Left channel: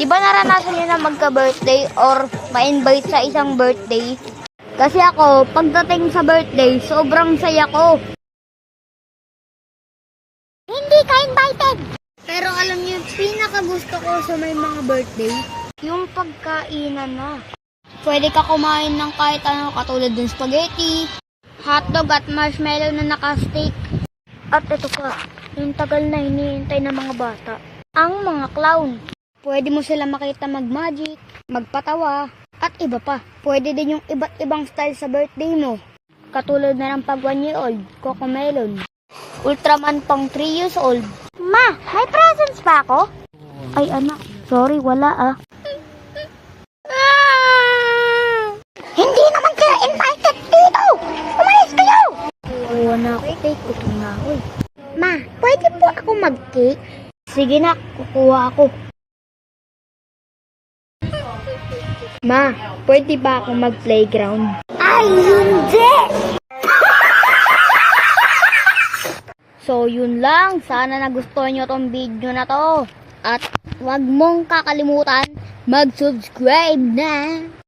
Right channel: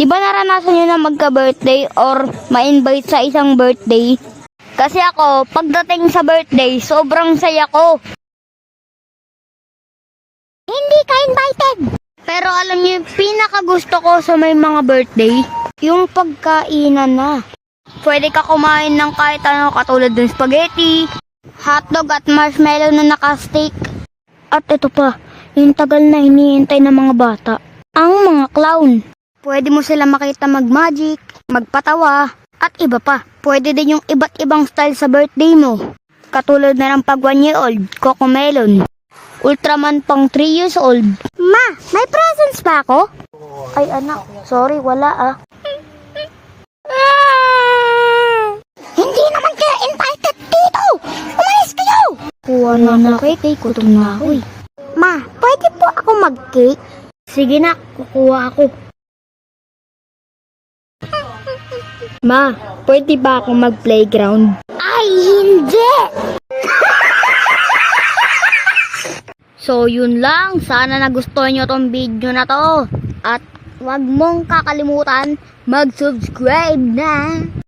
Di ba naranasan nyo na magka-birthday or ma-invite sa isang birthday? Kasi ako, pagdating sa birthday, sobrang saya ko. Hindi ka invited! Pero alam niyo, yung pinakagusto ko sa may mga birthday, yung pagkainan na. Pwede ka kumain ng kahit ano katulad ng spaghetti, hotdog at marshmallow na naka-stick. At ito pa, yung tagal na hinihintay ng mga bata, ang mga clown. Pwede mo sila makita mag-magic, magpatawa, at iba pa. Pwede din yung iba't ibang style sa birthday mo. Katulad na ng pag 1 year old, Cocomelon. Ultraman pang 3 years old. Ma, may presents pa ako? Ay anak, sorry, wala ah. Hindi naman kayo invited dito! Umalis kayo! Kuha na na cake, gutom na ako eh. Ma, pwede po ako mag-cake? Sige na, kukuha ako. Ma, pwede ba ako mag-playground? Ay, hindi! So, yun lang. Sana nagustuhan nyo tong video na to. At wag mong kakalimutan mag-subscribe na.